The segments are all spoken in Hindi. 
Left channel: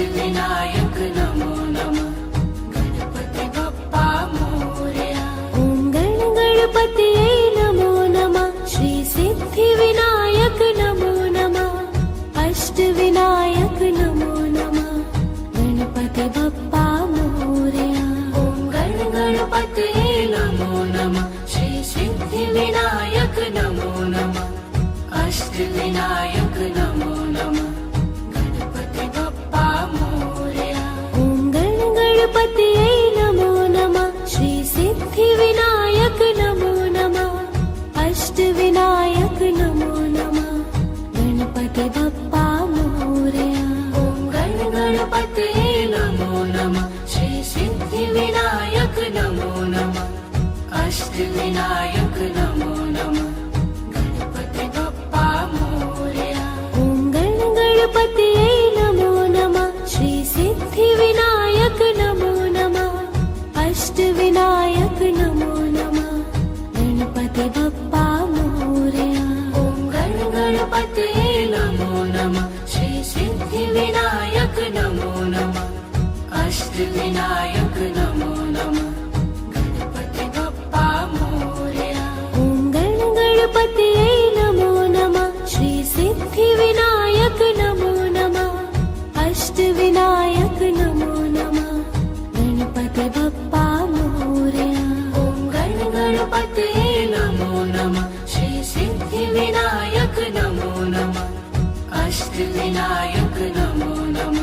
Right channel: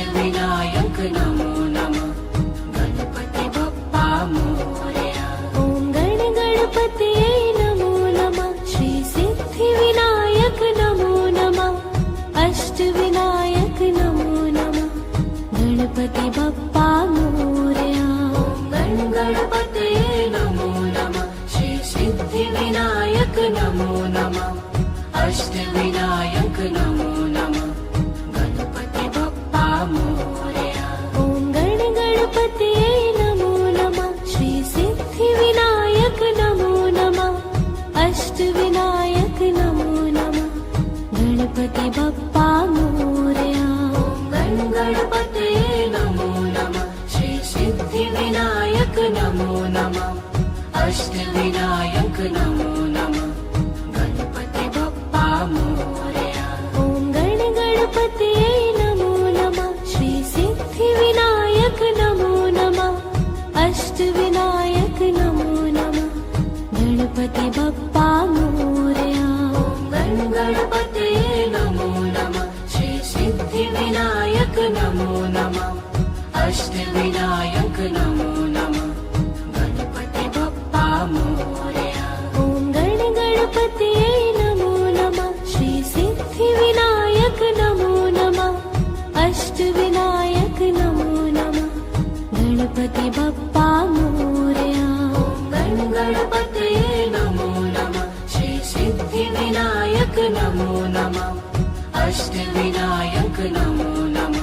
अष्टविनायक नमो नमः। गणपति बप्पा मोरया। ॐ गणपतये नमो नमः। श्री सिद्धिविनायक नमो नमः। अष्टविनायक नमो नमः। गणपति बप्पा मोरया। ॐ गणपतये नमो नमः। श्री सिद्धिविनायक नमो नमः। अष्टविनायक नमो नमः। गणपति बप्पा मोरया। ॐ गणपतये नमो नमः। श्री सिद्धिविनायक नमो नमः। अष्टविनायक नमो नमः। गणपति बप्पा मोरया। गणपतये नमो नमः। श्री सिद्धिविनायक नमो नमः। अष्टविनायक नमो नमः। गणपति बप्पा मोरया। ॐ गणपतये नमो नमः। श्री सिद्धिविनायक नमो नमः। अष्टविनायक नमो नमः। गणपति बप्पा मोरया। गणपतये नमो नमः। श्री सिद्धिविनायक नमो नमः। अष्टविनायक नमो नमः। गणपति बप्पा मोरया। ॐ गणपतये नमो नमः। श्री सिद्धिविनायक नमो नमः। अष्टविनायक नमो नमः। गणपति बप्पा मोरया। गणपतये नमो नमः। श्री सिद्धिविनायक नमो नमः। अष्टविनायक नमो नमः।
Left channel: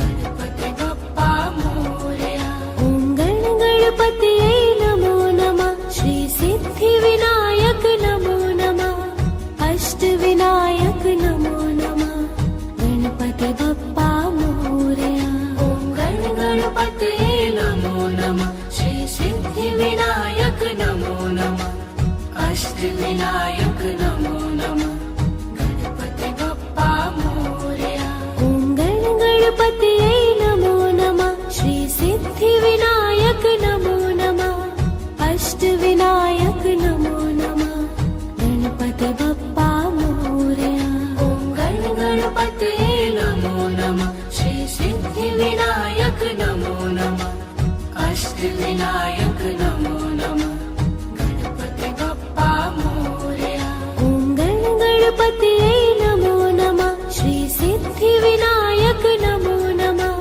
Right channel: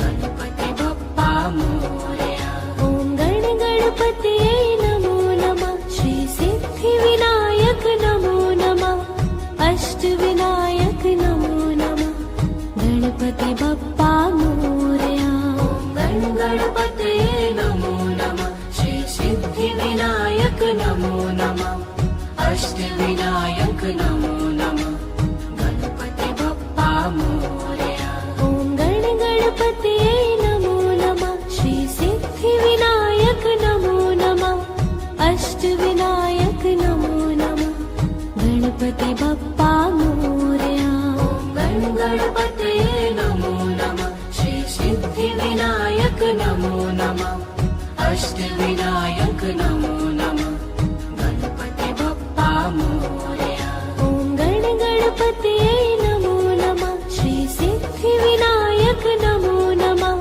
गणपति बप्पा मोरया। ॐ गणपतये नमो नमः। श्री सिद्धिविनायक नमो नमः। अष्टविनायक नमो नमः। गणपति बप्पा मोरया। गणपतये नमो नमः। श्री सिद्धिविनायक नमो नमः। अष्टविनायक नमो नमः। गणपति बप्पा मोरया। ॐ गणपतये नमो नमः। श्री सिद्धिविनायक नमो नमः। अष्टविनायक नमो नमः। गणपति बप्पा मोरया। गणपतये नमो नमः। श्री सिद्धिविनायक नमो नमः। अष्टविनायक नमो नमः। गणपति बप्पा मोरया। ॐ गणपतये नमो नमः। श्री सिद्धिविनायक नमो नमः।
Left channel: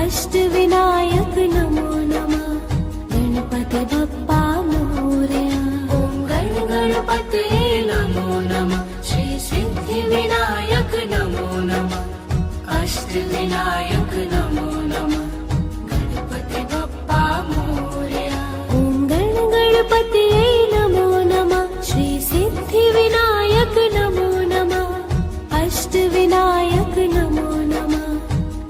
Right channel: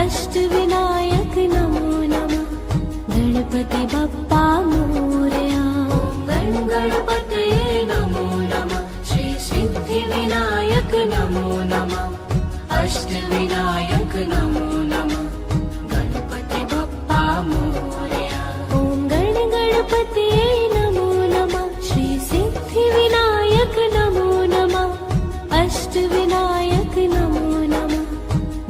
अष्टविनायक नमो नमः। गणपति बप्पा मोरया। गणपतये नमो नमः। श्री सिद्धिविनायक नमो नमः। अष्टविनायक नमो नमः। गणपति बप्पा मोरया। ॐ गणपतये नमो नमः। श्री सिद्धिविनायक नमो नमः। अष्टविनायक नमो नमः।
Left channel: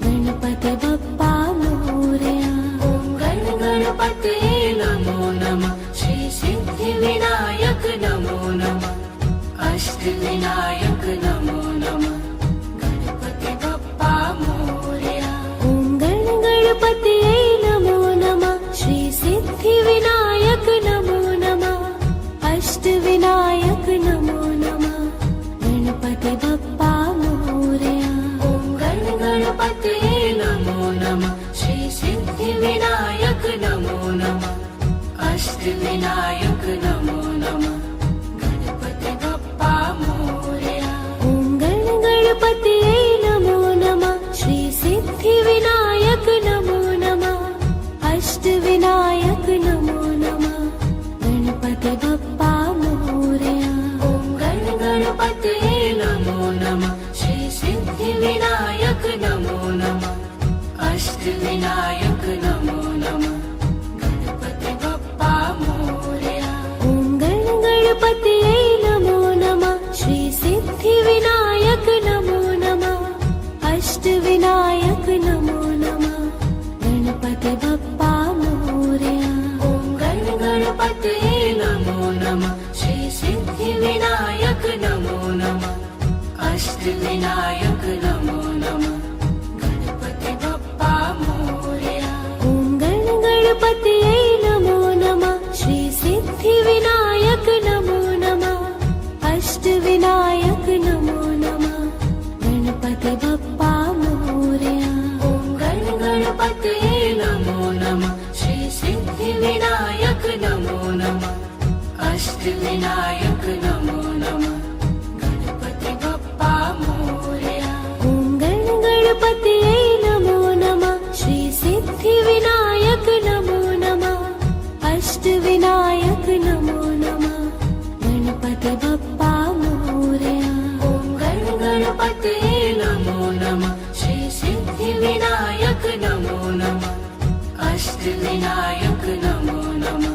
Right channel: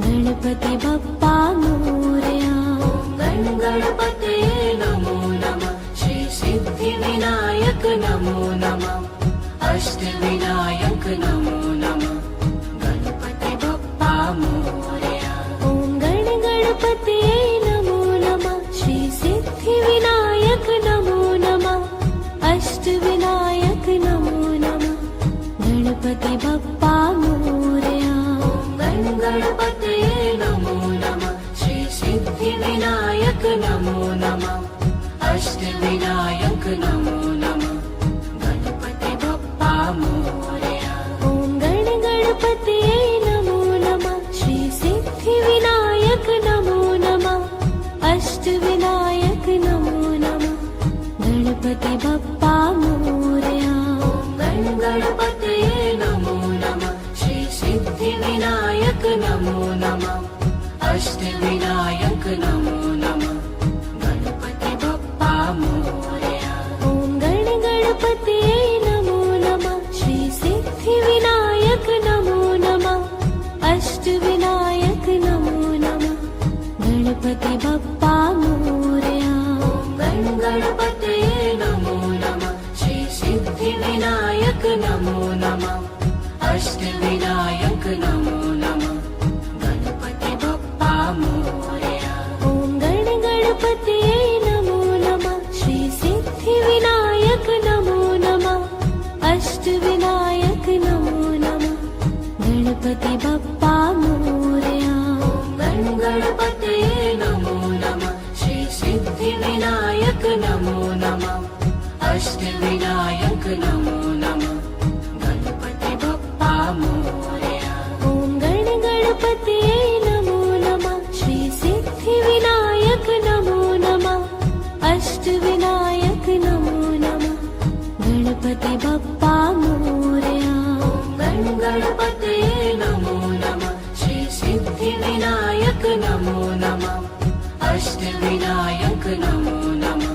गणपति बप्पा मोरया। गणपतये नमो नमः। श्री सिद्धिविनायक नमो नमः। अष्टविनायक नमो नमः। गणपति बप्पा मोरया। ॐ गणपतये नमो नमः। श्री सिद्धिविनायक नमो नमः। अष्टविनायक नमो नमः। गणपति बप्पा मोरया। गणपतये नमो नमः। श्री सिद्धिविनायक नमो नमः। अष्टविनायक नमो नमः। गणपति बप्पा मोरया। ॐ गणपतये नमो नमः। श्री सिद्धिविनायक नमो नमः। अष्टविनायक नमो नमः। गणपति बप्पा मोरया। गणपतये नमो नमः। श्री सिद्धिविनायक नमो नमः। अष्टविनायक नमो नमः। गणपति बप्पा मोरया। ॐ गणपतये नमो नमः। श्री सिद्धिविनायक नमो नमः। अष्टविनायक नमो नमः। गणपति बप्पा मोरया। गणपतये नमो नमः। श्री सिद्धिविनायक नमो नमः। अष्टविनायक नमो नमः। गणपति बप्पा मोरया। ॐ गणपतये नमो नमः। श्री सिद्धिविनायक नमो नमः। अष्टविनायक नमो नमः। गणपति बप्पा मोरया। गणपतये नमो नमः श्री सिद्धिविनायक नमो नमः अष्टविनायक नमो नमः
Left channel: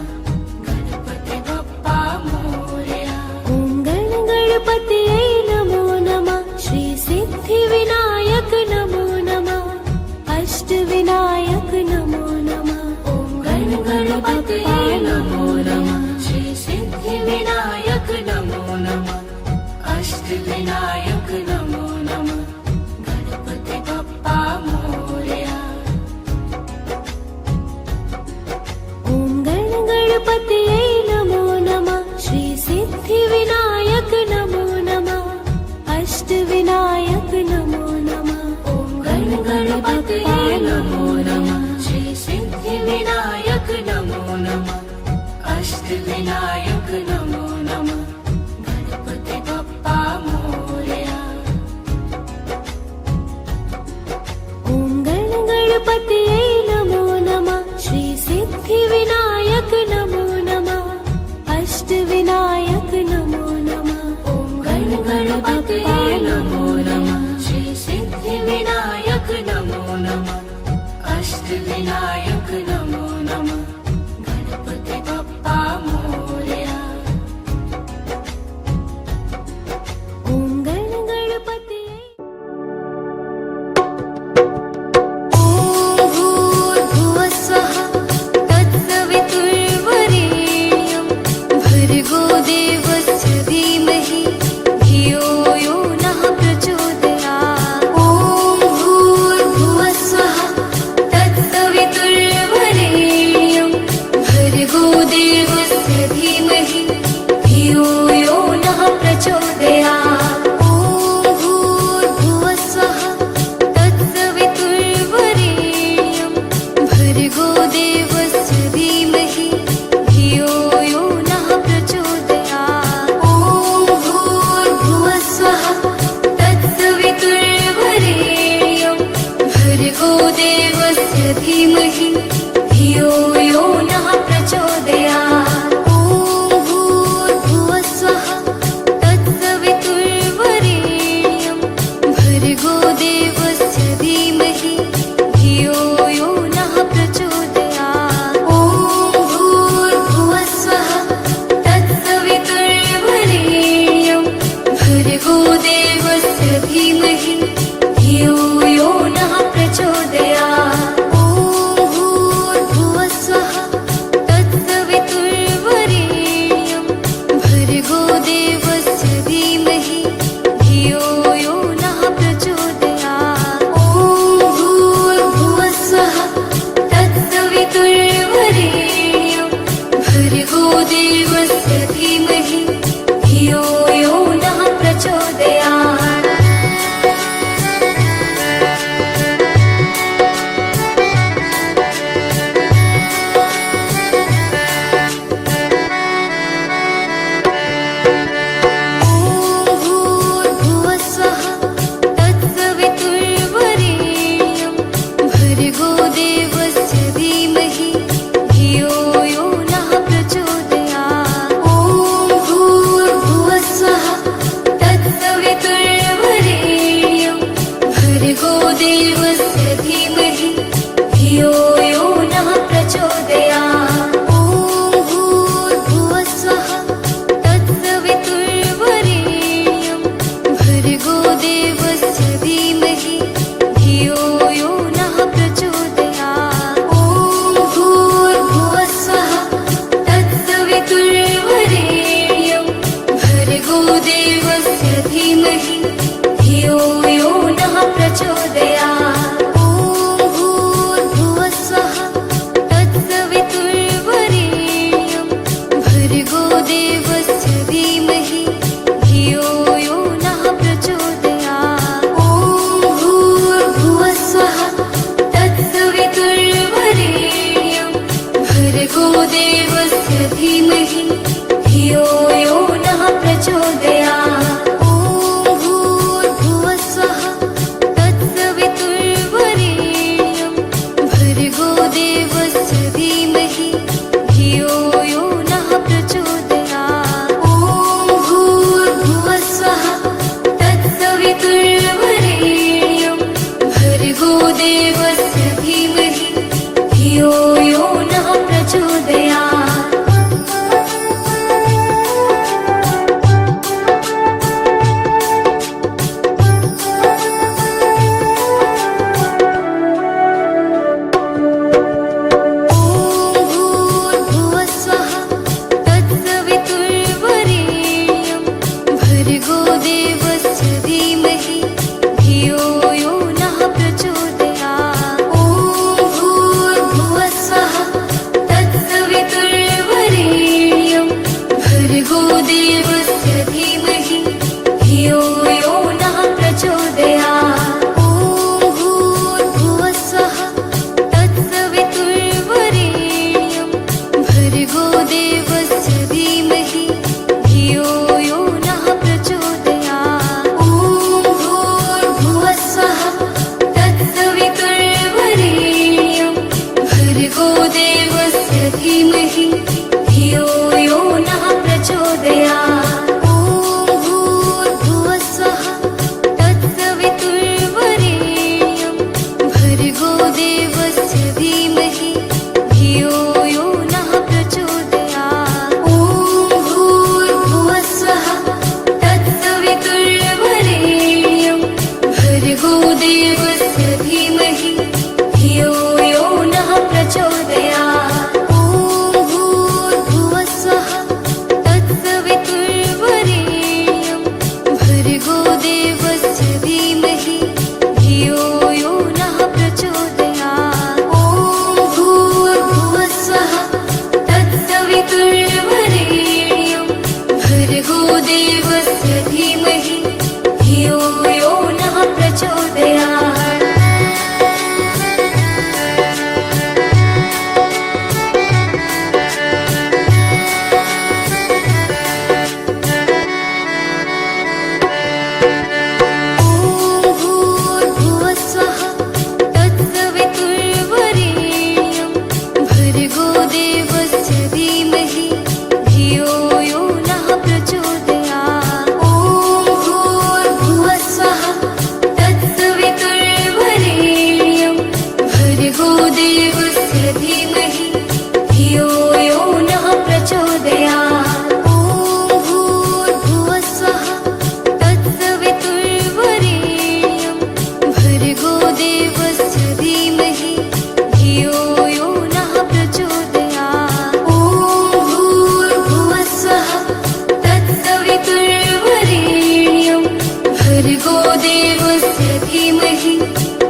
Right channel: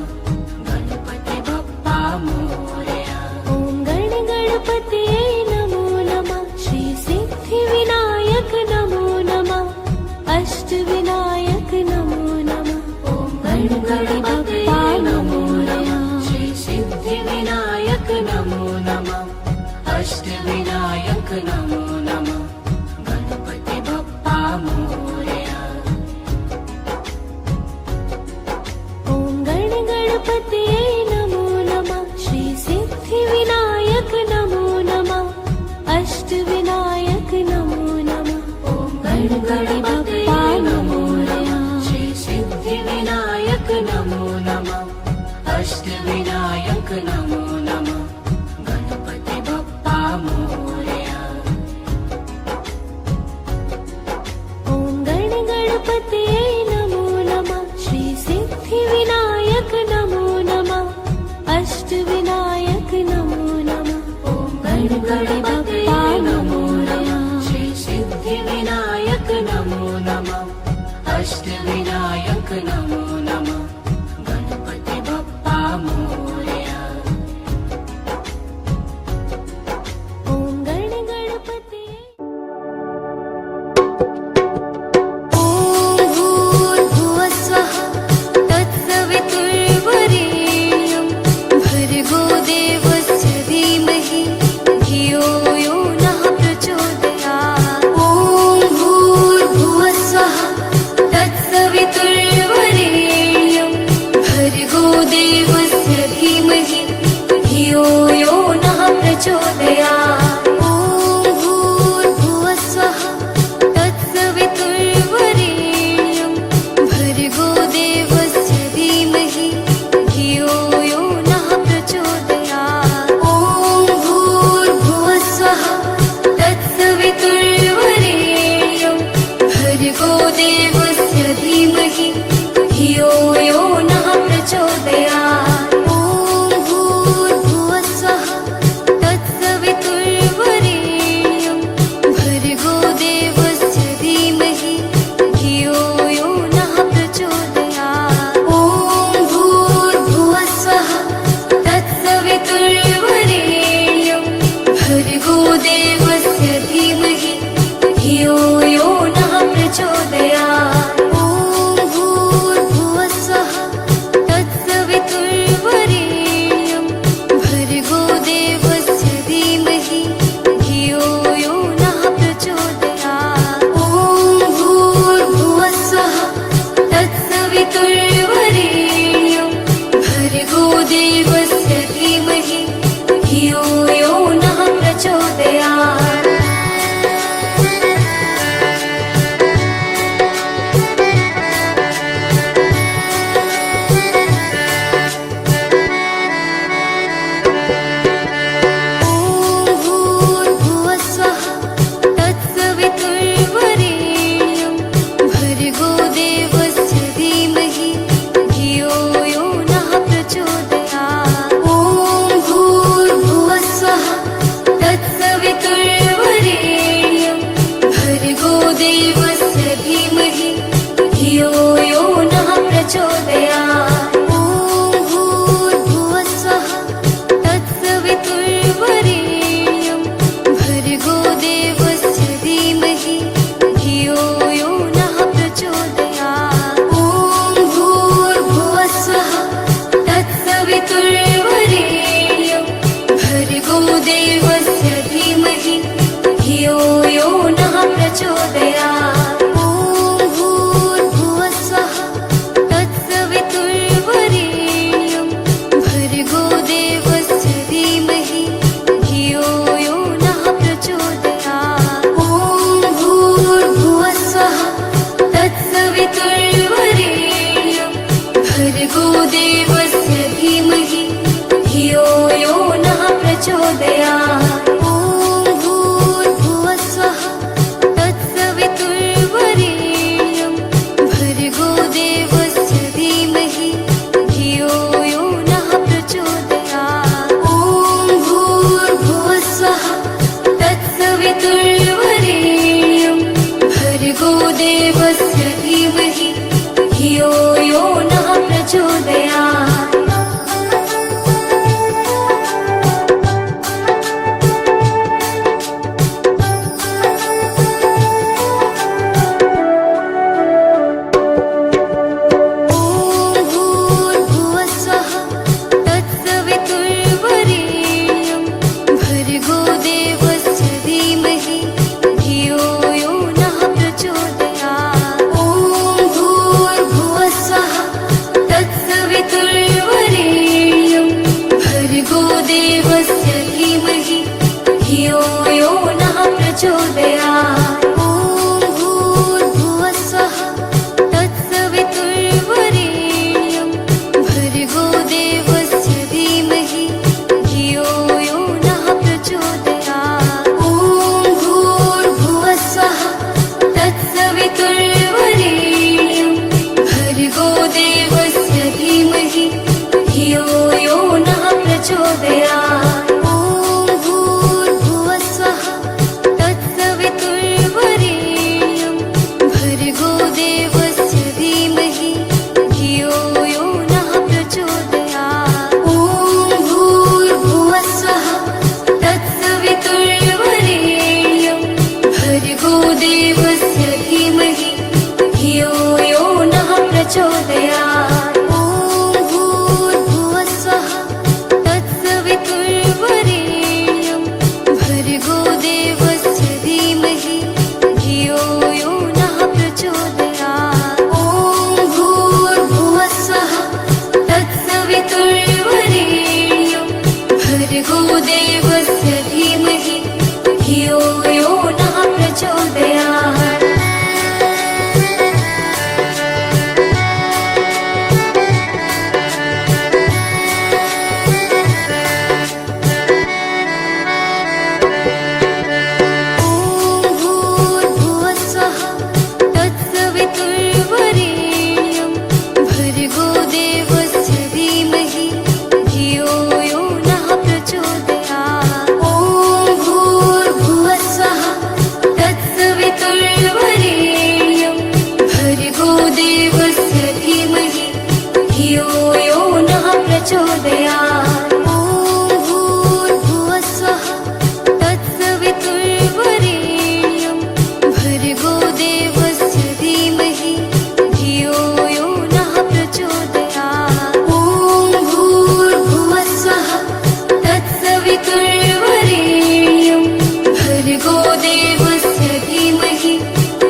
गणपति बप्पा मोरया ॐ गणपतये नमो नमः श्री सिद्धिविनायक नमो नमः अष्टविनायक नमो नमः ॐ गणपतये नमो नमः श्री सिद्धिविनायक नमो नमः अष्टविनायक नमो नमः गणपति बप्पा मोरया ॐ गणपतये नमो नमः श्री सिद्धिविनायक नमो नमः अष्टविनायक नमो नमः ॐ गणपतये नमो नमः श्री सिद्धिविनायक नमो नमः अष्टविनायक नमो नमः गणपति बप्पा मोरया ॐ गणपतये नमो नमः श्री सिद्धिविनायक नमो नमः अष्टविनायक नमो नमः ॐ गणपतये नमो नमः श्री सिद्धिविनायक नमो नमः अष्टविनायक नमो नमः गणपति बप्पा मोरया ॐ गणपतये ॐ भूर्भुवस्वः तत्सवितुर्वरेण्यं भर्गो देवस्य धीमहि धियो यो नः प्रचोदयात् ॐ भूर्भुवस्वः तत्सवितुर्वरेण्यं भर्गो देवस्य धीमहि धियो यो नः प्रचोदयात् ॐ भूर्भुवस्वः तत्सवितुर्वरेण्यं भर्गो देवस्य धीमहि धियो यो नः प्रचोदयात् ॐ भूर्भुवस्वः तत्सवितुर्वरेण्यं भर्गो देवस्य धीमहि धियो यो नः प्रचोदयात् ॐ भूर्भुवस्वः तत्सवितुर्वरेण्यं भर्गो देवस्य धीमहि धियो यो नः प्रचोदयात् ॐ भूर्भुवस्वः तत्सवितुर्वरेण्यं भर्गो देवस्य धीमहि धियो यो नः प्रचोदयात् ॐ भूर्भुवस्वः तत्सवितुर्वरेण्यं भर्गो देवस्य धीमहि धियो यो नः प्रचोदयात् ॐ भूर्भुवस्वः तत्सवितुर्वरेण्यं भर्गो देवस्य धीमहि धियो यो नः प्रचोदयात् ॐ भूर्भुवस्वः तत्सवितुर्वरेण्यं भर्गो देवस्य धीमहि धियो यो नः प्रचोदयात् ॐ भूर्भुवस्वः तत्सवितुर्वरेण्यं भर्गो देवस्य धीमहि धियो यो नः प्रचोदयात् ॐ भूर्भुवस्वः तत्सवितुर्वरेण्यं भर्गो देवस्य धीमहि धियो यो नः प्रचोदयात् ॐ भूर्भुवस्वः तत्सवितुर्वरेण्यं भर्गो देवस्य धीमहि धियो यो नः प्रचोदयात् ॐ भूर्भुवस्वः तत्सवितुर्वरेण्यं भर्गो देवस्य धीमहि धियो यो नः प्रचोदयात् ॐ भूर्भुवस्वः तत्सवितुर्वरेण्यं भर्गो देवस्य धीमहि धियो यो नः प्रचोदयात् ॐ भूर्भुवस्वः तत्सवितुर्वरेण्यं भर्गो देवस्य धीमहि धियो यो नः प्रचोदयात् ॐ भूर्भुवस्वः तत्सवितुर्वरेण्यं धियो यो नः प्रचोदयात्। भर्गो देवस्य धीमहि धियो यो नः प्रचोदयात्। ॐ भूर्भुवस्वः तत्सवितुर्वरेण्यं भर्गो देवस्य धीमहि धियो यो नः प्रचोदयात्। ॐ भूर्भुवस्वः तत्सवितुर्वरेण्यं भर्गो देवस्य धीमहि धियो यो नः प्रचोदयात्। ॐ भूर्भुवस्वः तत्सवितुर्वरेण्यं भर्गो देवस्य धीमहि धियो यो नः प्रचोदयात्। ॐ भूर्भुवस्वः तत्सवितुर्वरेण्यं भर्गो देवस्य धीमहि धियो यो नः प्रचोदयात्। ॐ भूर्भुवस्वः तत्सवितुर्वरेण्यं भर्गो देवस्य धीमहि धियो यो नः प्रचोदयात्। ॐ भूर्भुवस्वः तत्सवितुर्वरेण्यं भर्गो देवस्य धीमहि धियो यो नः प्रचोदयात्। ॐ भूर्भुवस्वः तत्सवितुर्वरेण्यं भर्गो देवस्य धीमहि धियो यो नः प्रचोदयात्। भर्गो देवस्य धीमहि धियो यो नः प्रचोदयात्। ॐ भूर्भुवस्वः तत्सवितुर्वरेण्यं भर्गो देवस्य धीमहि धियो यो नः प्रचोदयात्। ॐ भूर्भुवस्वः तत्सवितुर्वरेण्यं भर्गो देवस्य धीमहि धियो यो नः प्रचोदयात्। ॐ भूर्भुवस्वः तत्सवितुर्वरेण्यं भर्गो देवस्य धीमहि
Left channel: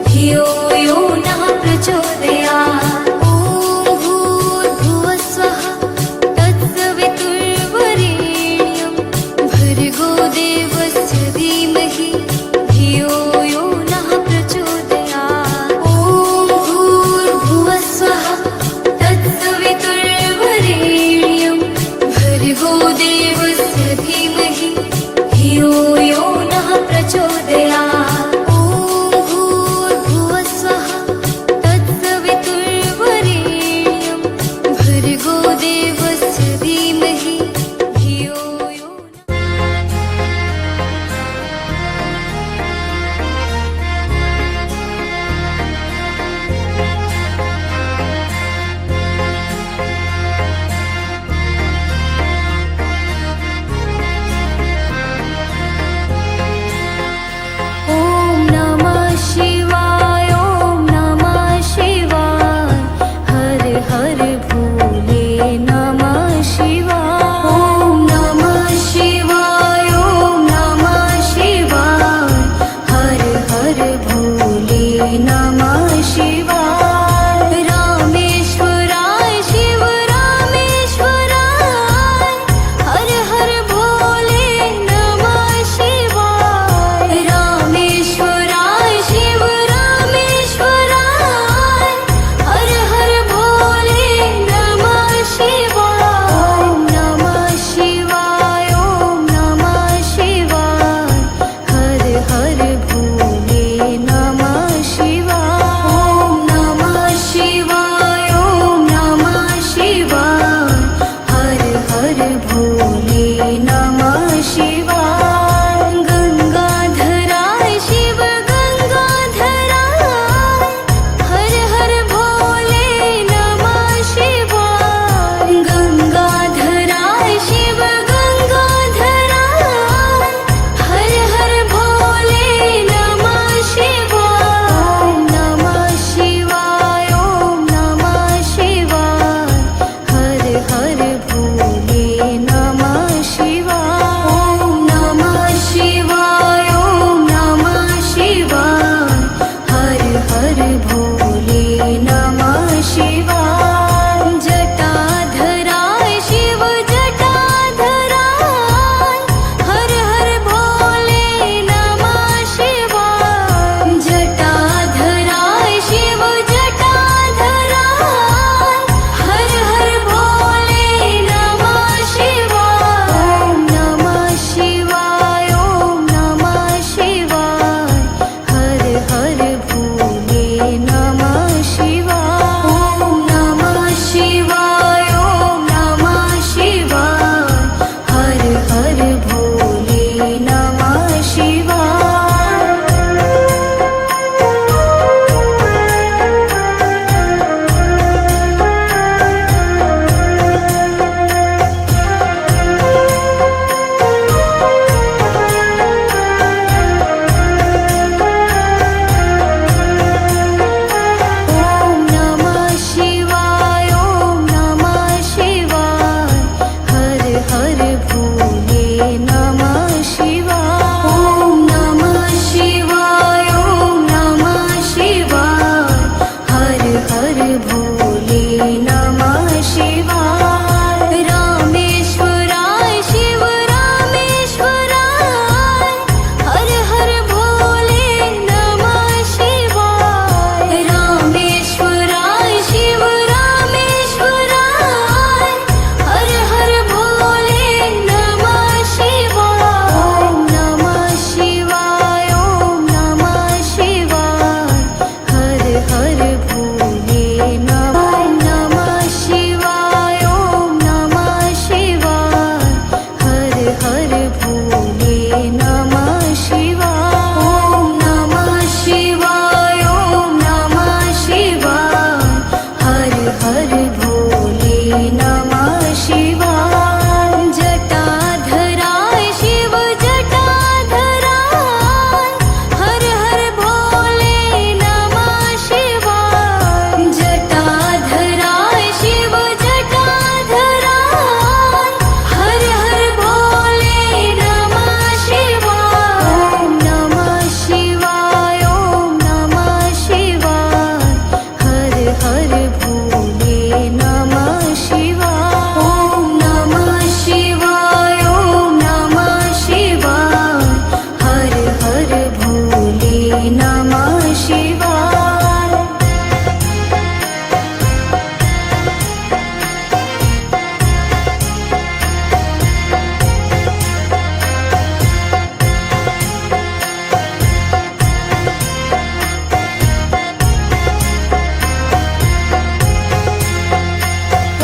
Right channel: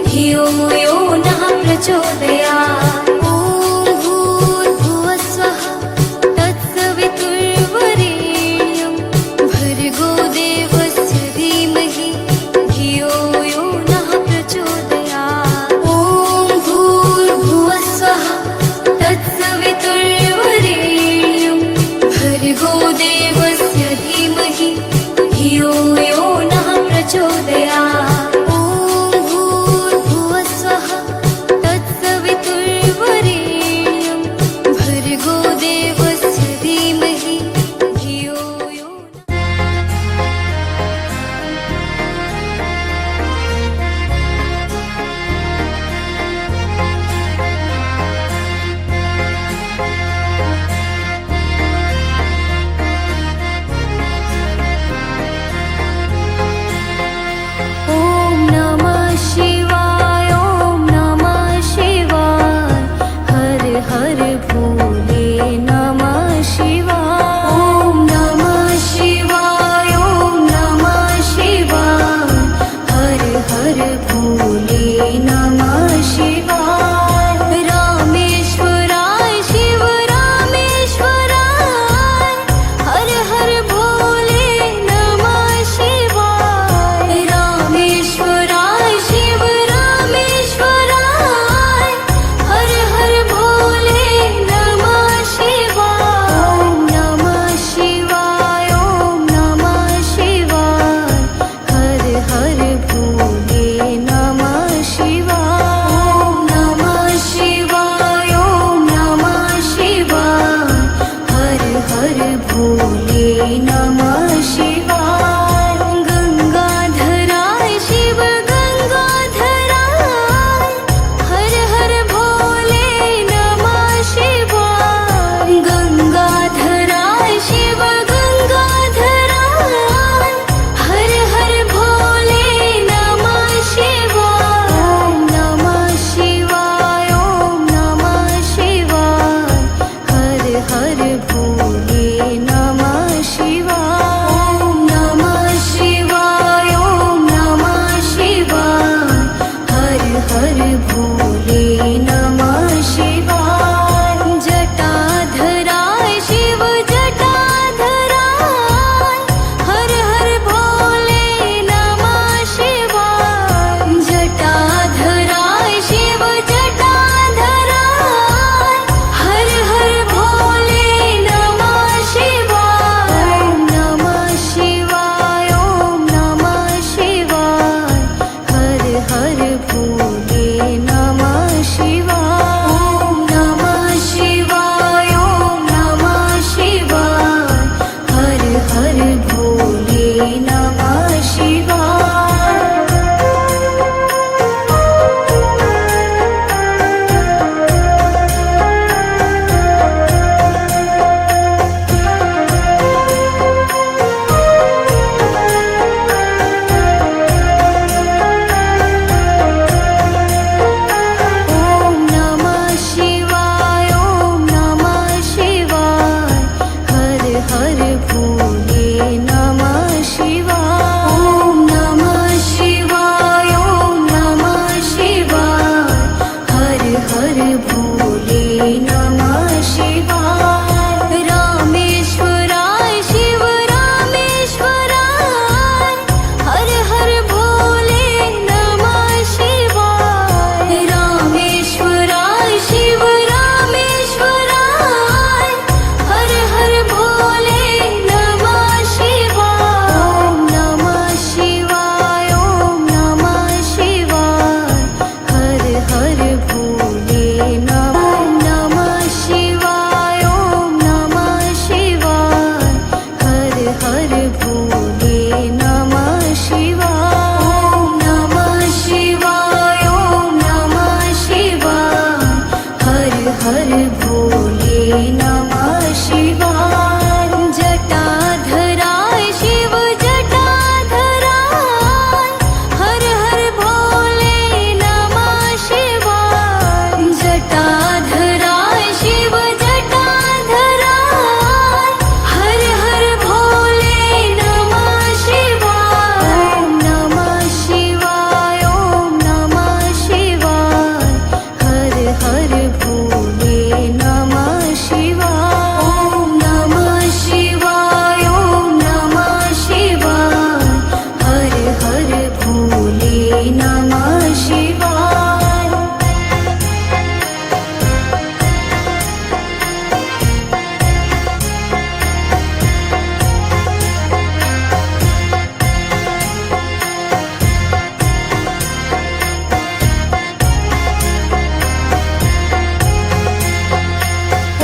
धियो यो नः प्रचोदयात्। ॐ भूर्भुवस्वः तत्सवितुर्वरेण्यं भर्गो देवस्य धीमहि धियो यो नः प्रचोदयात्। ॐ भूर्भुवस्वः तत्सवितुर्वरेण्यं भर्गो देवस्य धीमहि धियो यो नः प्रचोदयात्। ॐ भूर्भुवस्वः तत्सवितुर्वरेण्यं भर्गो देवस्य धीमहि धियो यो शिवाय ॐ नमः शिवाय हर हर भोले नमः शिवाय। ॐ नमः शिवाय ॐ नमः शिवाय हर हर भोले नमः शिवाय। रामेश्वराय शिव रामेश्वराय हर हर भोले नमः शिवाय। रामेश्वराय शिव रामेश्वराय हर हर भोले नमः शिवाय। ॐ नमः शिवाय ॐ नमः शिवाय हर हर भोले नमः शिवाय। ॐ नमः शिवाय ॐ नमः शिवाय हर हर भोले नमः शिवाय। गंगाधराय शिव गंगाधराय हर हर भोले हर भोले नमः शिवाय जटाधराय शिव जटाधराय हर हर भोले नमः शिवाय जटाधराय शिव जटाधराय हर हर भोले नमः शिवाय ओम नमः शिवाय ओम नमः शिवाय हर हर भोले नमः शिवाय ओम नमः शिवाय ओम नमः शिवाय हर हर भोले नमः शिवाय ओम नमः शिवाय ओम नमः शिवाय हर हर भोले नमः शिवाय ओम नमः शिवाय ओम नमः शिवाय हर हर भोले नमः शिवाय रामेश्वराय शिव रामेश्वराय हर हर भोले नमः शिवाय रामेश्वराय शिव रामेश्वराय हर हर भोले नमः शिवाय ओम नमः शिवाय ओम नमः शिवाय हर हर भोले नमः शिवाय ओम नमः शिवाय हर हर भोले नमः शिवाय ओम नमः शिवाय ओम नमः शिवाय हर हर भोले नमः शिवाय जटाधराय शिव जटाधराय हर हर भोले नमः शिवाय जटाधराय शिव जटाधराय हर हर भोले नमः शिवाय ओम नमः शिवाय ओम नमः शिवाय हर हर भोले नमः शिवाय ओम नमः शिवाय ओम नमः शिवाय हर हर भोले नमः शिवाय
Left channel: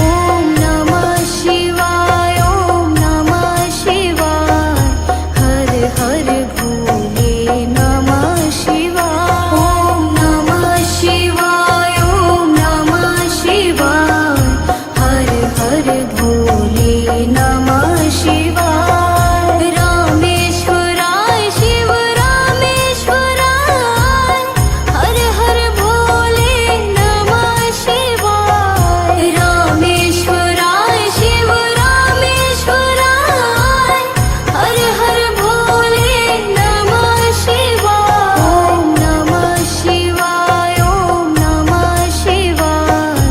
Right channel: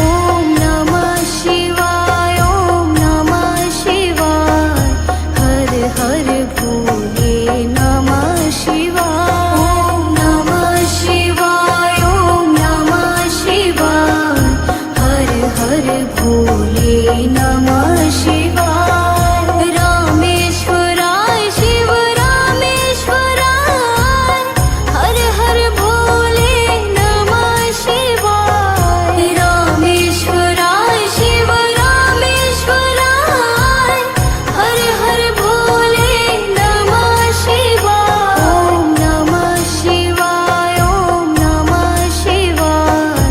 ओम नमः शिवाय ओम नमः शिवाय हर हर भोले नमः शिवाय ओम नमः शिवाय ओम नमः शिवाय हर हर भोले नमः शिवाय रामेश्वराय शिव रामेश्वराय हर हर भोले नमः शिवाय रामेश्वराय शिव रामेश्वराय हर हर भोले नमः शिवाय ओम नमः शिवाय ओम नमः शिवाय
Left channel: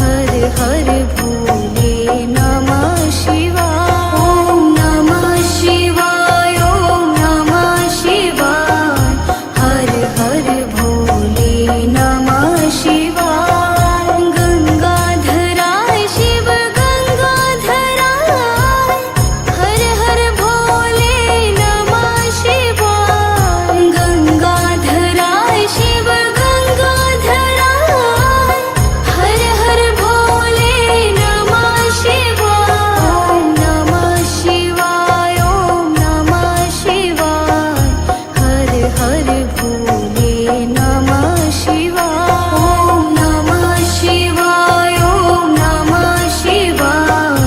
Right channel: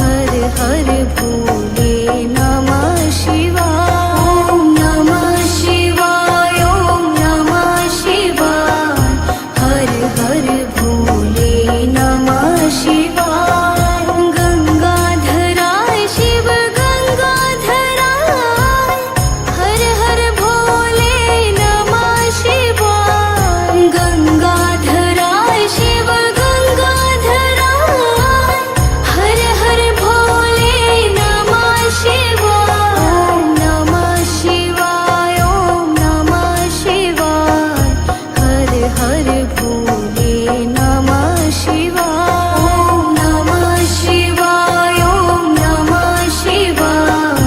हर हर भोले नमः शिवाय ओम नमः शिवाय ओम नमः शिवाय हर हर भोले नमः शिवाय गंगाधराय शिव गंगाधराय हर हर भोले नमः शिवाय गंगाधराय शिव गंगाधराय हर हर भोले नमः शिवाय ओम नमः शिवाय ओम नमः शिवाय हर हर भोले नमः शिवाय ओम नमः शिवाय ओम नमः शिवाय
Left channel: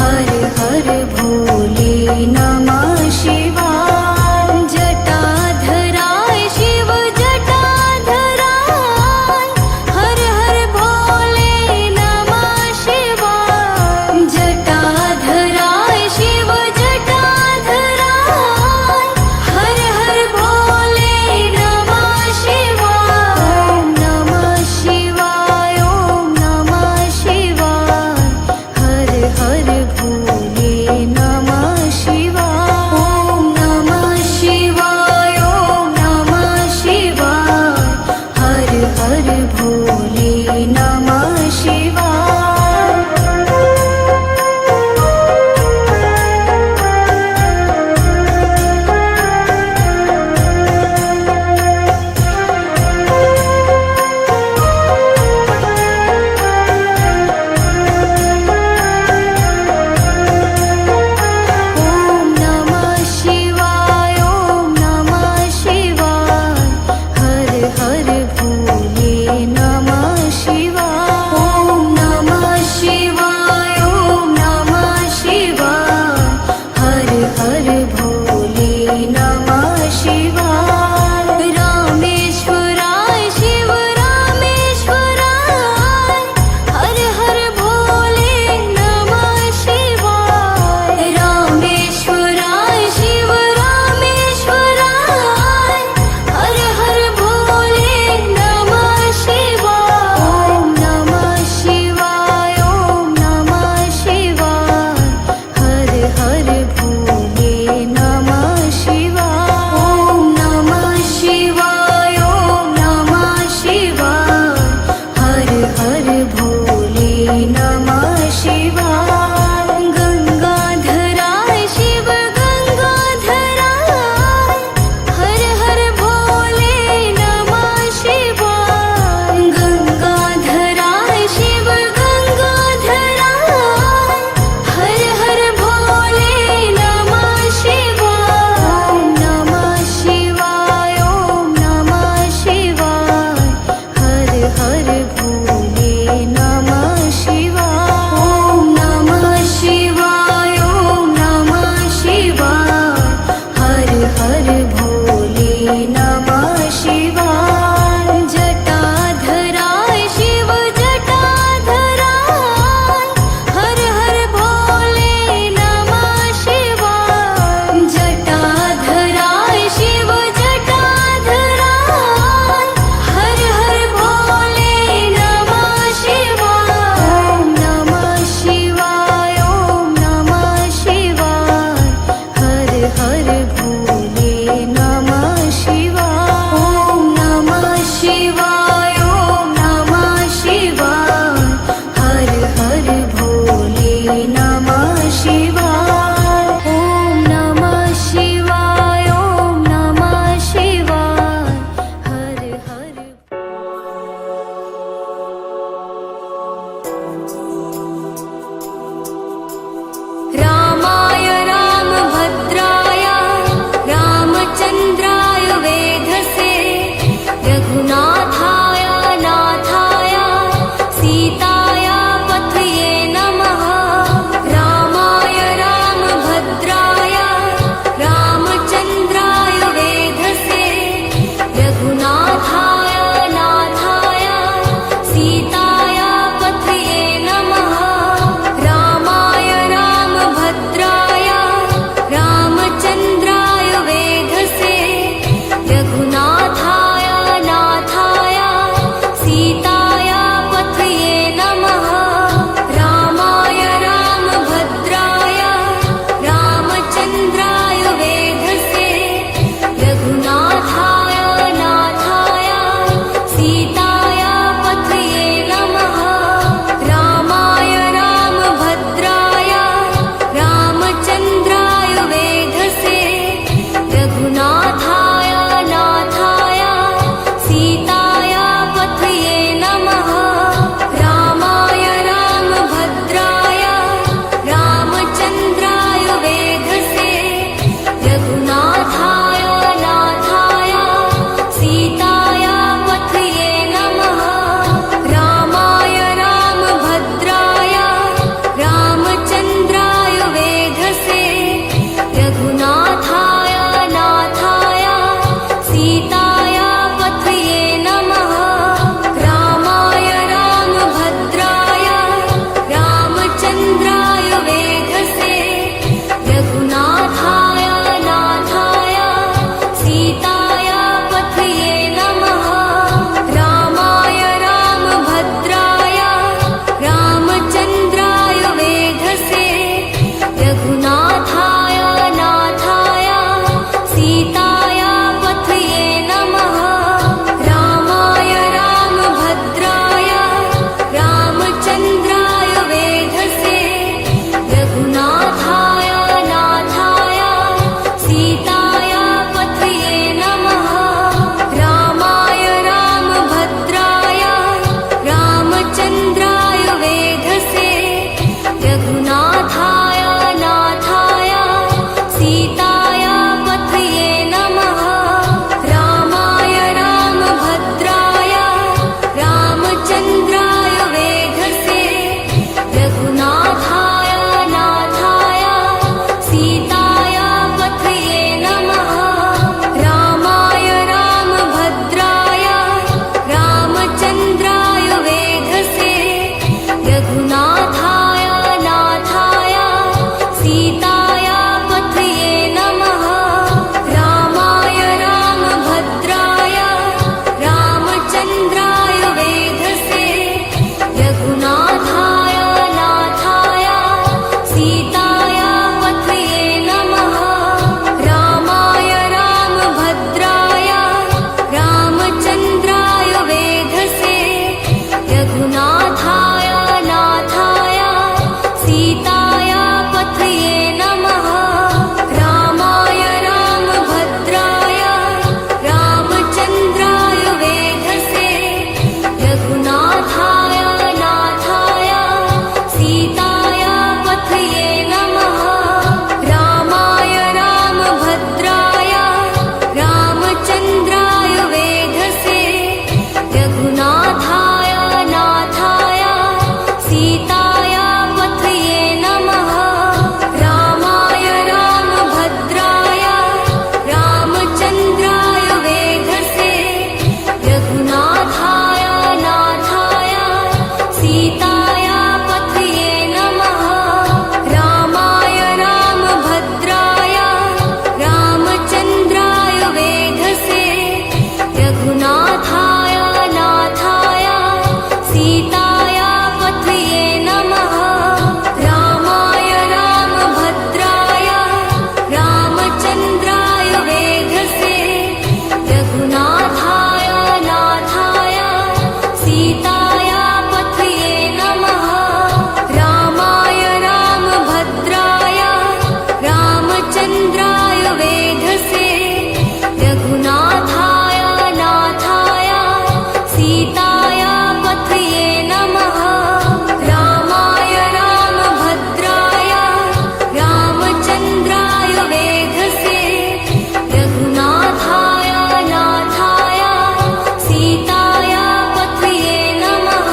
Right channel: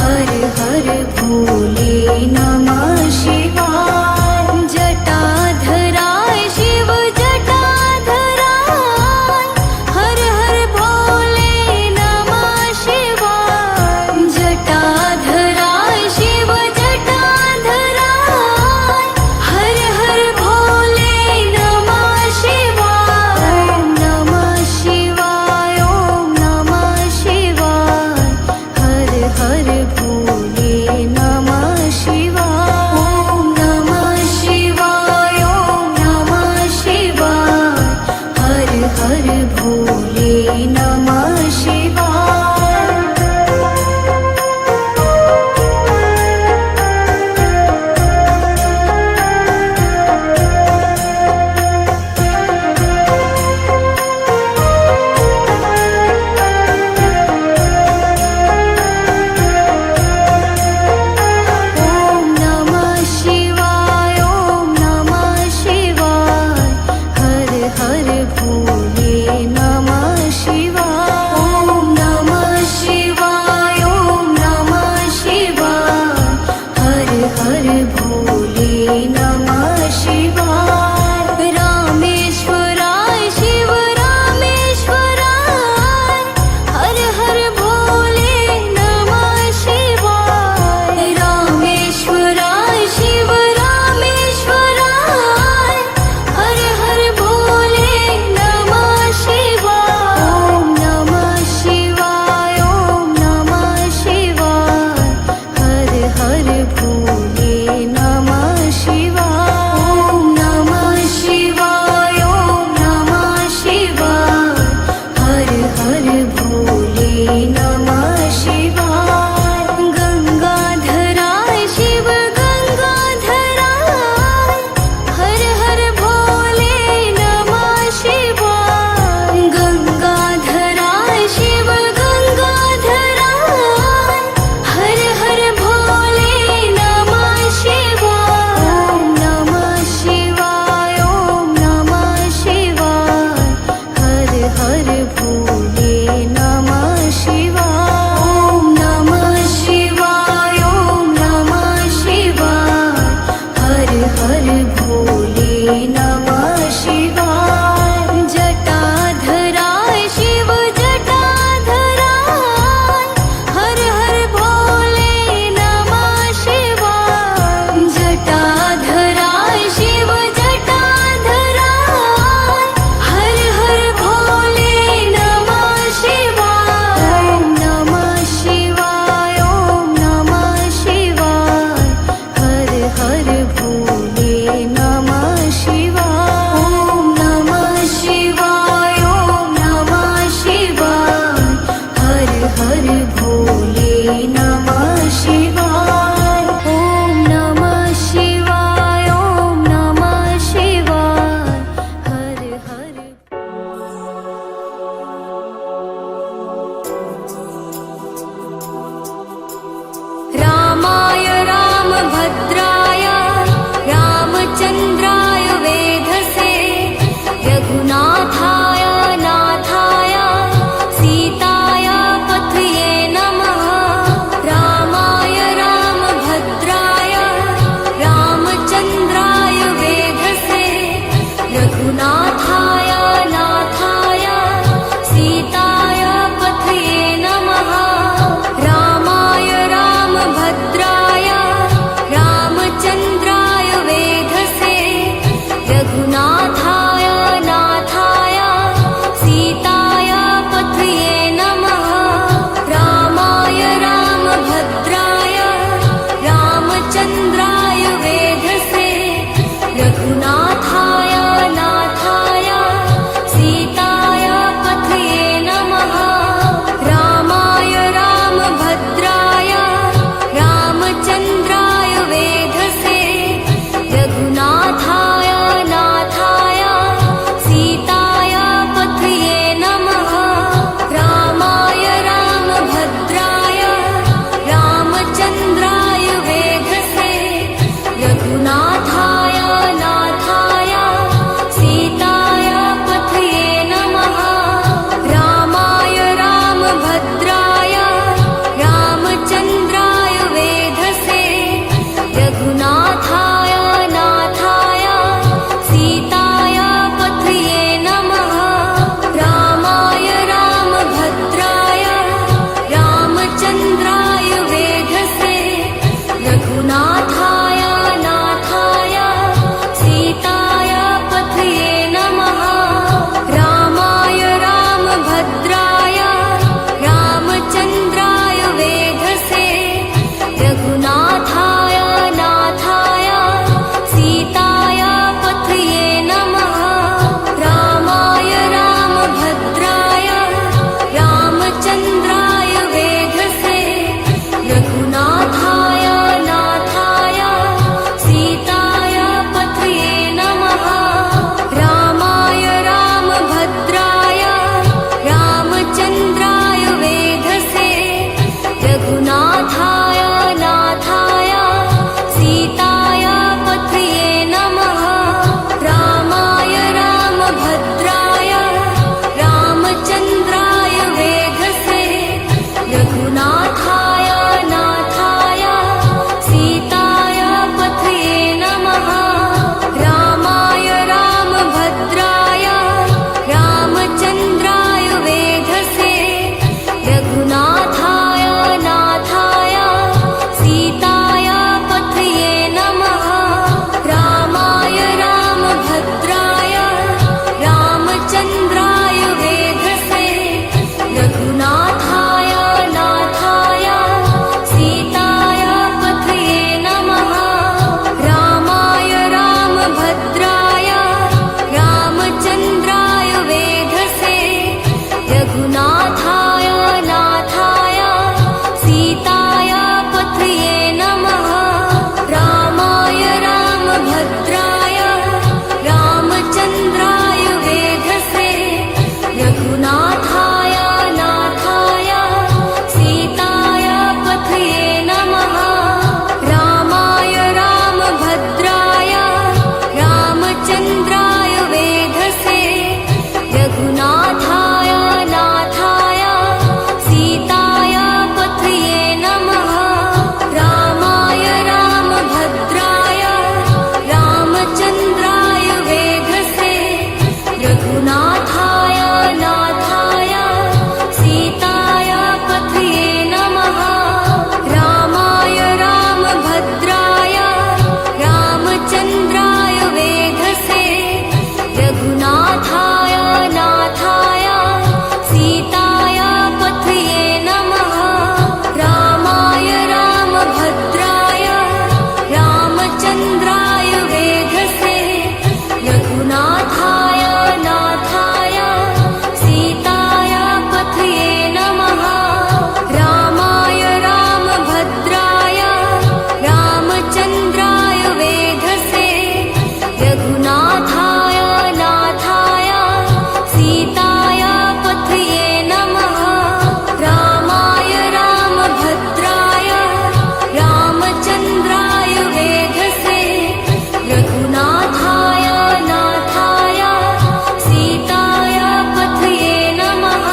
हर हर भोले नमः शिवाय जटाधराय शिव जटाधराय हर हर भोले नमः शिवाय जटाधराय शिव जटाधराय हर हर भोले नमः शिवाय हर भोले नमः शिवाय। ओम नमः शिवाय, ओम नमः शिवाय, हर हर भोले नमः शिवाय। ओम नमः शिवाय, ओम नमः शिवाय, हर हर भोले नमः शिवाय। रामेश्वराय शिव रामेश्वराय, हर हर भोले नमः शिवाय। रामेश्वराय शिव रामेश्वराय, हर हर भोले नमः शिवाय। ओम नमः शिवाय, ओम नमः शिवाय, हर हर भोले नमः शिवाय। ओम नमः शिवाय, ओम नमः शिवाय, हर हर भोले नमः शिवाय। गंगाधराय शिव गंगाधराय, हर हर भोले नमः शिवाय। गंगाधराय शिव गंगाधराय, हर हर भोले नमः शिवाय। ओम नमः शिवाय, ओम नमः शिवाय, हर हर भोले नमः शिवाय। ओम नमः शिवाय, ओम नमः शिवाय, हर हर भोले नमः शिवाय। जटाधराय शिव जटाधराय, हर हर भोले नमः शिवाय। जटाधराय शिव जटाधराय, हर हर भोले नमः शिवाय। ओम नमः शिवाय, ओम नमः शिवाय, हर हर भोले नमः शिवाय। ओम नमः शिवाय, ओम नमः शिवाय, हर हर भोले नमः शिवाय। ओम नमः शिवाय, ओम नमः शिवाय, हर हर रामाय रामभद्राय रामचन्द्राय वेधसे, रघुनाथाय नाथाय सीताय पथये नमः। रामाय रामभद्राय रामचन्द्राय वेधसे, रघुनाथाय नाथाय सीताय पथये नमः। रामाय रामभद्राय रामचन्द्राय वेधसे, रघुनाथाय नाथाय सीताय पथये नमः। रामाय रामभद्राय रामचन्द्राय वेधसे, रघुनाथाय नाथाय सीताय पथये नमः। रामाय रामभद्राय रामचन्द्राय वेधसे, रघुनाथाय नाथाय सीताय पथये नमः। रामाय रामभद्राय रामचन्द्राय वेधसे, रघुनाथाय नाथाय सीताय पथये नमः। रामाय रामभद्राय रामचन्द्राय वेधसे, रघुनाथाय नाथाय सीताय पथये नमः। रामाय रामभद्राय रामचन्द्राय वेधसे, रघुनाथाय नाथाय सीताय पथये नमः। रामाय रामभद्राय रामचन्द्राय वेधसे, रघुनाथाय नाथाय सीताय पथये नमः। रामाय रामभद्राय रघुनाथाय नाथाय सीताय पथये नमः रामाय रामभद्राय रामचन्द्राय वेधसे रघुनाथाय नाथाय सीताय पथये नमः रामाय रामभद्राय रामचन्द्राय वेधसे रघुनाथाय नाथाय सीताय पथये नमः रामाय रामभद्राय रामचन्द्राय वेधसे रघुनाथाय नाथाय सीताय पथये नमः रामाय रामभद्राय रामचन्द्राय वेधसे रघुनाथाय नाथाय सीताय पथये नमः रामाय रामभद्राय रामचन्द्राय वेधसे रघुनाथाय नाथाय सीताय पथये नमः रामाय रामभद्राय रामचन्द्राय वेधसे रघुनाथाय नाथाय सीताय पथये नमः रामाय रामभद्राय रामचन्द्राय वेधसे रघुनाथाय नाथाय सीताय पथये नमः रामाय रामभद्राय रामचन्द्राय वेधसे रघुनाथाय नाथाय सीताय पथये नमः रामाय रामभद्राय रामचन्द्राय वेधसे रघुनाथाय नाथाय सीताय पथये नमः रामाय रामभद्राय रामचन्द्राय वेधसे रघुनाथाय नाथाय सीताय पथये नमः रामाय रामभद्राय रामचन्द्राय वेधसे रघुनाथाय नाथाय सीताय पथये नमः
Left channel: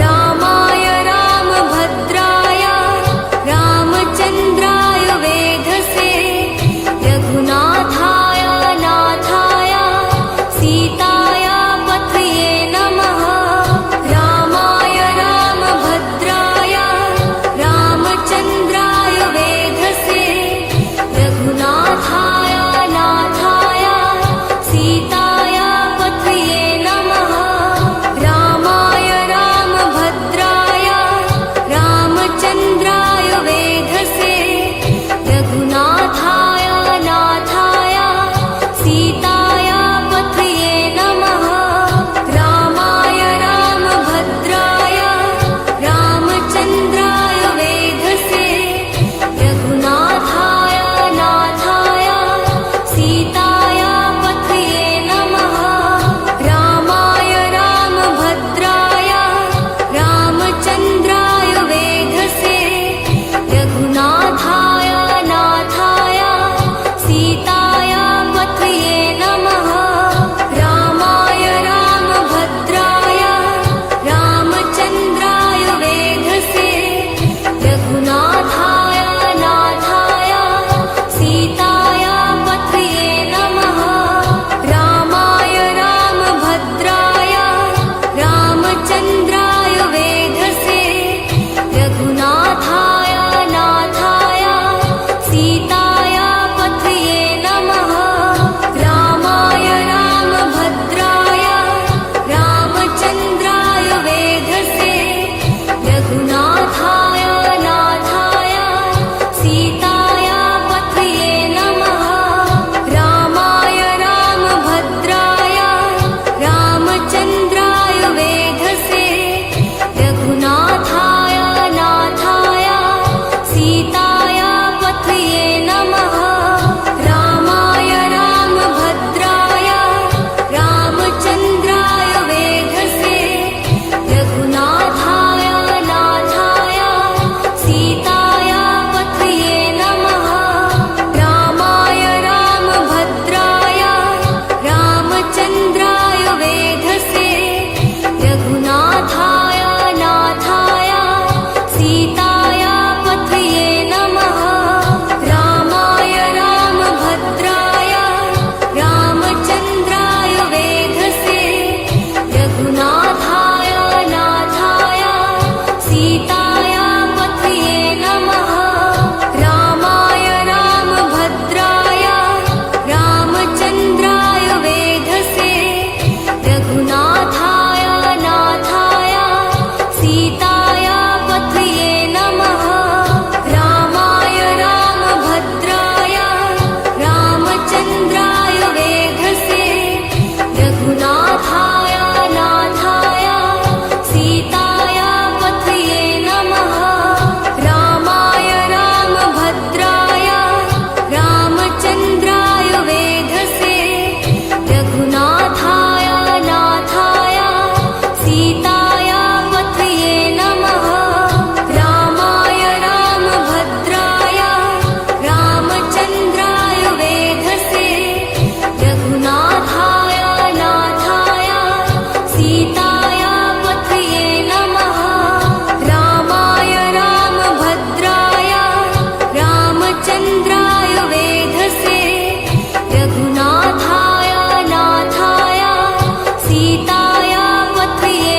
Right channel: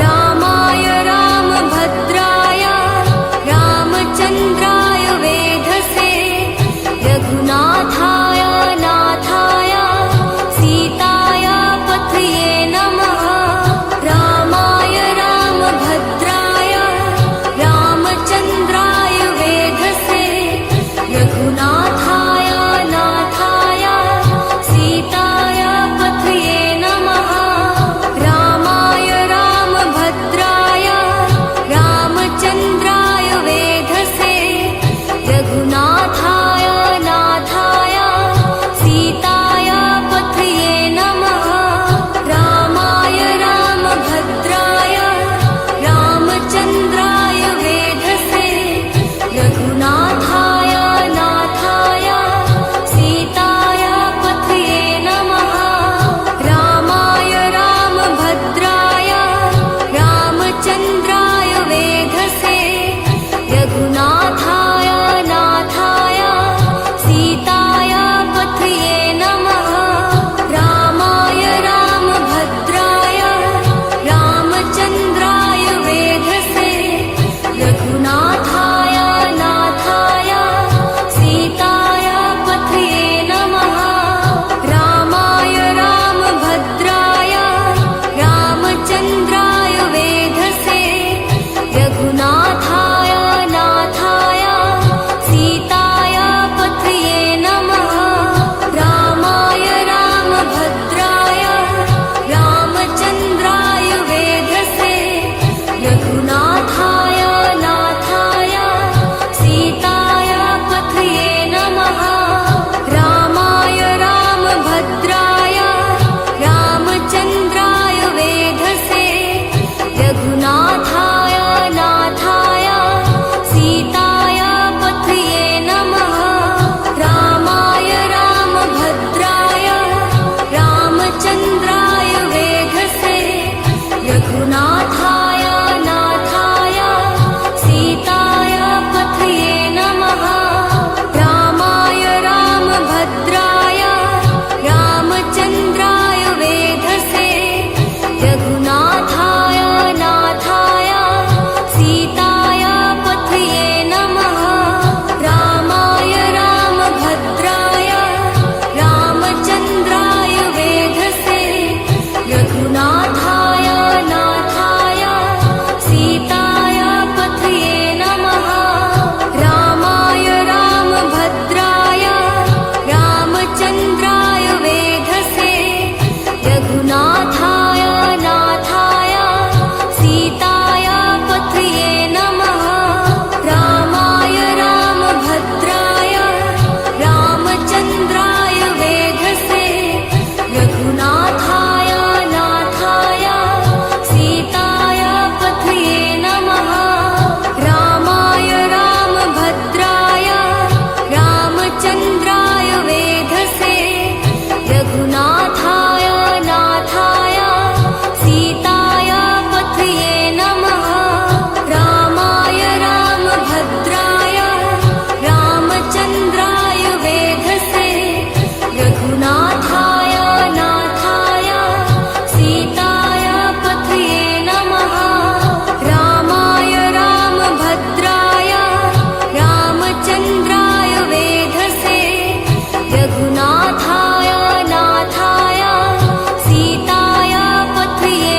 रामाय रामभद्राय रामचन्द्राय वेधसे रघुनाथाय नाथाय सीताय पथये नमः रामाय रामभद्राय रामचन्द्राय वेधसे रघुनाथाय नाथाय सीताय पथये नमः रामाय रामभद्राय रामचन्द्राय वेधसे रघुनाथाय नाथाय सीताय पथये नमः रामाय रामभद्राय रामचन्द्राय वेधसे रघुनाथाय नाथाय सीताय पथये नमः रामाय रामभद्राय रामचन्द्राय वेधसे रघुनाथाय नाथाय सीताय पथये नमः रामाय रामभद्राय रामचन्द्राय वेधसे रघुनाथाय नाथाय सीताय पथये नमः रामाय रामभद्राय रामचन्द्राय वेधसे रघुनाथाय नाथाय सीताय पथये नमः रामाय रामभद्राय रामचन्द्राय वेधसे रघुनाथाय नाथाय सीताय पथये नमः रामाय रामभद्राय रामचन्द्राय वेधसे रघुनाथाय नाथाय सीताय पथये नमः रामाय रामभद्राय रामचन्द्राय वेधसे रघुनाथाय नाथाय सीताय वेधसे रघुनाथाय नाथाय सीताय पथये नमः रामाय रामभद्राय रामचन्द्राय वेधसे रघुनाथाय नाथाय सीताय पथये नमः रामाय रामभद्राय रामचन्द्राय वेधसे रघुनाथाय नाथाय सीताय पथये नमः रामाय रामभद्राय रामचन्द्राय वेधसे रघुनाथाय नाथाय सीताय पथये नमः रामाय रामभद्राय रामचन्द्राय वेधसे रघुनाथाय नाथाय सीताय पथये नमः रामाय रामभद्राय रामचन्द्राय वेधसे रघुनाथाय नाथाय सीताय पथये नमः रामाय रामभद्राय रामचन्द्राय वेधसे रघुनाथाय नाथाय सीताय पथये